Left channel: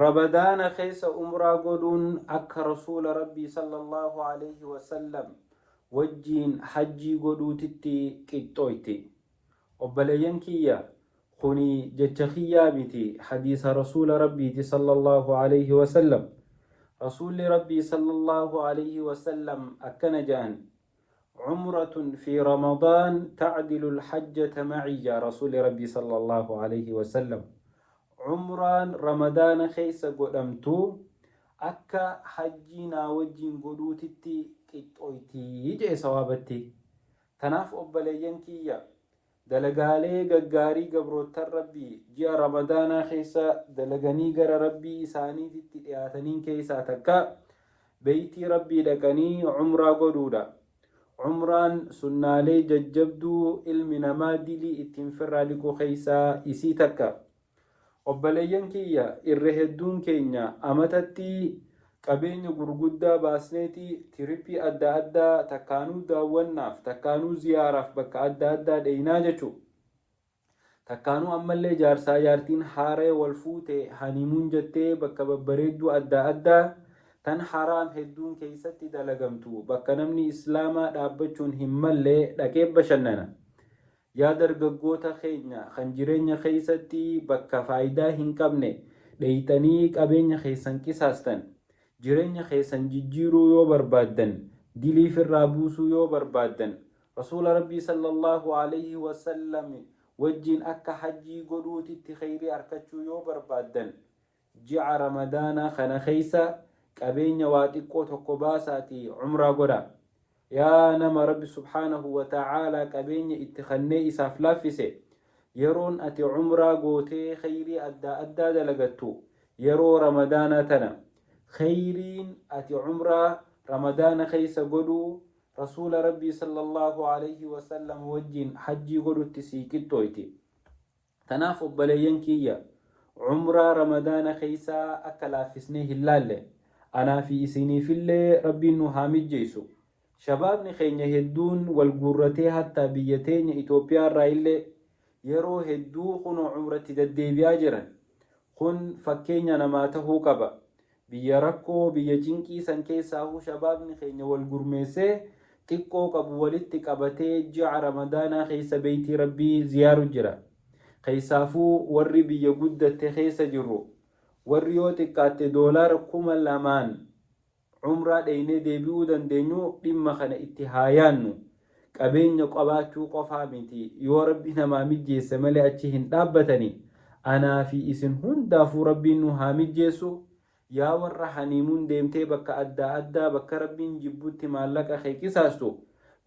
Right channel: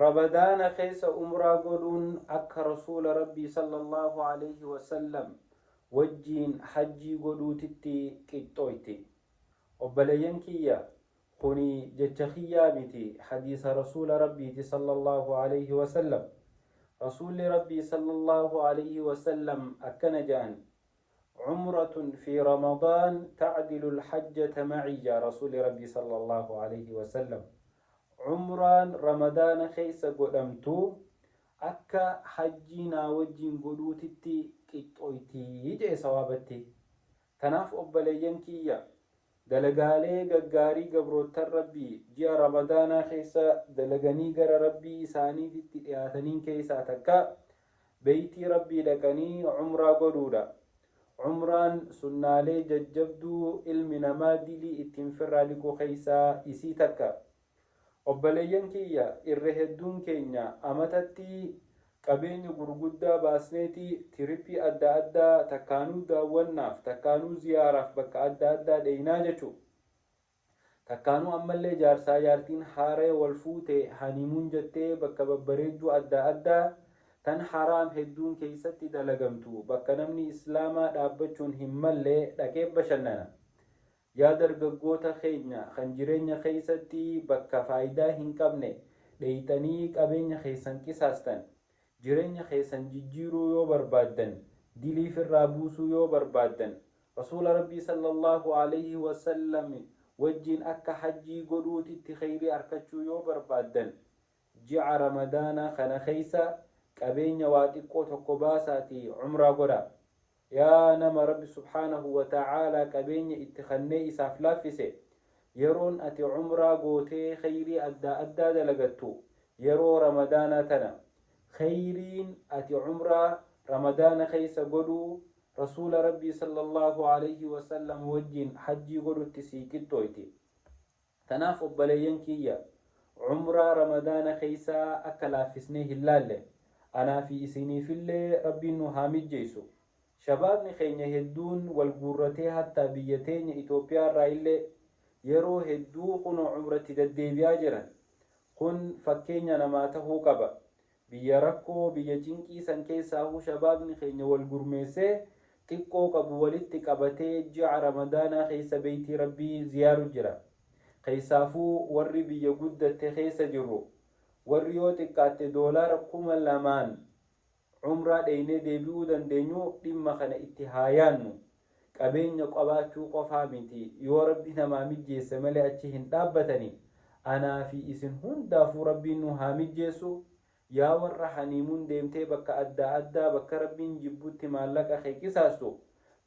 رمضان خيس عمرة قدون أك رسول ربي صلى الله عليه وسلم وجين حجي قدو تتي كتويتي وبلينكيا خني جتخيا متي حديث رسول ربي صلى الله عليه وسلم رسول ربي صلى الله عليه وسلم أكنجان عمرة في رمضان تعدل الحجة معي يا رسول ربي صلى الله عليه وسلم عمران رمضان خيس قدمتو أكا حجينا وجين قدوتتي قطويتي يجي سوابتي تناف أبلينكيا دلقالي ققاري قبروت الربي جاء رمضان خيسا دلقاني قر ربي إساني تتئاتنين كيسا تكا بيتي ربي لكني عمرا قدودا عمران سنالي ججبدو علمنا ما دلي اتنفر لكو خيسا إسي تكا وبلينكيا الرهدون كينيا أمتتي qabeenya gurguddaa baasneeti tirippii adda addaa takkaanuu daawwannaaf takkaanuu ziyaaraaf bakka adda addaa dheeynaa jechuu takkaanuu ammallee jaarsaa jaartiin haaree wal fuute hanimuun jettee bakka babbareedduu adda addaa tan haraam hedduun keessatti dalagamtu bakka namni islaamaa dhaabbachuun hin mallee dhaqee bashannana yaa dargaggoota keenya kan jireenya keessatti bakka faayidaa hin qabne dheeytanii qabeenya keessan qisaastan jireenya keessan jijjiiruu yoo barbaadan diliif irraa buusuu yoo barbaadan rasuula rabbii sallallahu alayhi wasallam wajjiin akka hajjii godhuutitti khayrii arkachuu yoo barbaadan ji'a ramadaana kana keessa qabeenya waa xiqqoo tokko baasaati umraa godha yaa nama rabbi subhaanahu wa ta'aalaa qabeenya itti kennee isaaf laaffise yeroon ati umraa gootee khayrii adda addaa dalagattu yeroo ramadaana tana خيرين أتي عمرة رمضان خيس قدو رسول ربي صلى الله عليه وسلم وجين حجي قدو تسيكتويتي تنافب بلينكية عمرة رمضان خيسا أكلا في سنه اللالة أنا في سني في اللي ربي نهامي جيسو شبابني خيني هدون والقرتي حتى بيتين إثيوبيا رايلة يرو هدو خنو عمرة تددي بياجرا خن فكيني نماته قبا biyya rakkoo biyya cinqii san keessaahu shabaabni keenya wal gurmeessee xiqqoo qabu walitti qabatee ji'a ramadaanaa keessa beeytii rabbii ziyaaru jira keessaafuu warri biyya guddatte keessa jirru warri yoo xiqqaatte doolaara 2,000 umraa dheeynee deebi'uu dandeenyu dhimma kana itti haayaannu qabeenya qabaachuu qofaa miti yoo rabbi namaa mijjeesse malee achi hin dhaabbatanii anaa fi isin hundaafuu rabbiin nu haa mijjeessu yaa warra haniimuun deemtee bakka adda addaa bakka rabbiin jibbutti maallaqa kee qisaastu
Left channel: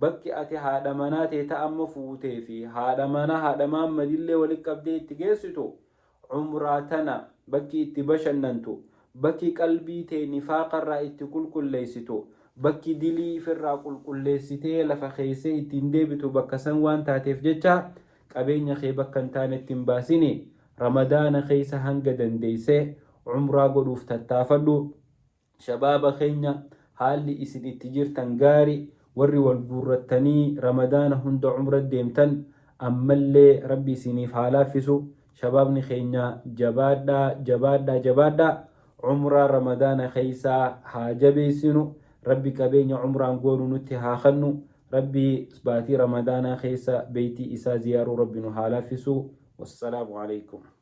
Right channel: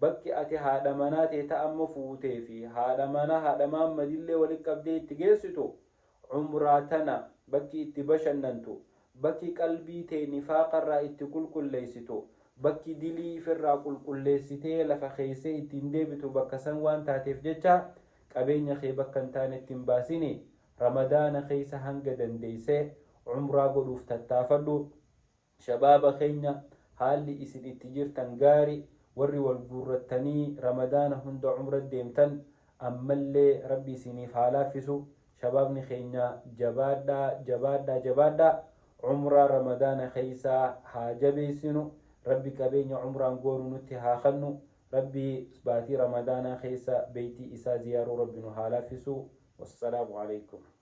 bakki ati haadha manaa teeta amma fuutee fi haadha manaa haadha maammadillee walitti qabdee itti geessitu umraa tana bakki itti bashannantu bakki qalbii tee nifaaqarraa itti qulqulleessitu bakki dilii ifirraa qulqulleessitee lafa keessee ittiin deebitu bakka san waan taateef jecha qabeenya kee bakka hin taanetti hin baasini ramadaana keessa hanga dandeessee عمرة قدوف تتافدو شباب خينيا حالي إسن اتجيرتن غاري وري والقرتني رمضان هند عمرة ديمتن أما اللي ربي سنيف حالافسو شبابني خينيا جبادا عمرة رمضان خيسا حاجبي سنو ربي كبين عمرة نقولو نتها خنو ربي سباتي رمضان خيسا بيتي إسا زيارو ربي نحالافسو والسلام عليكم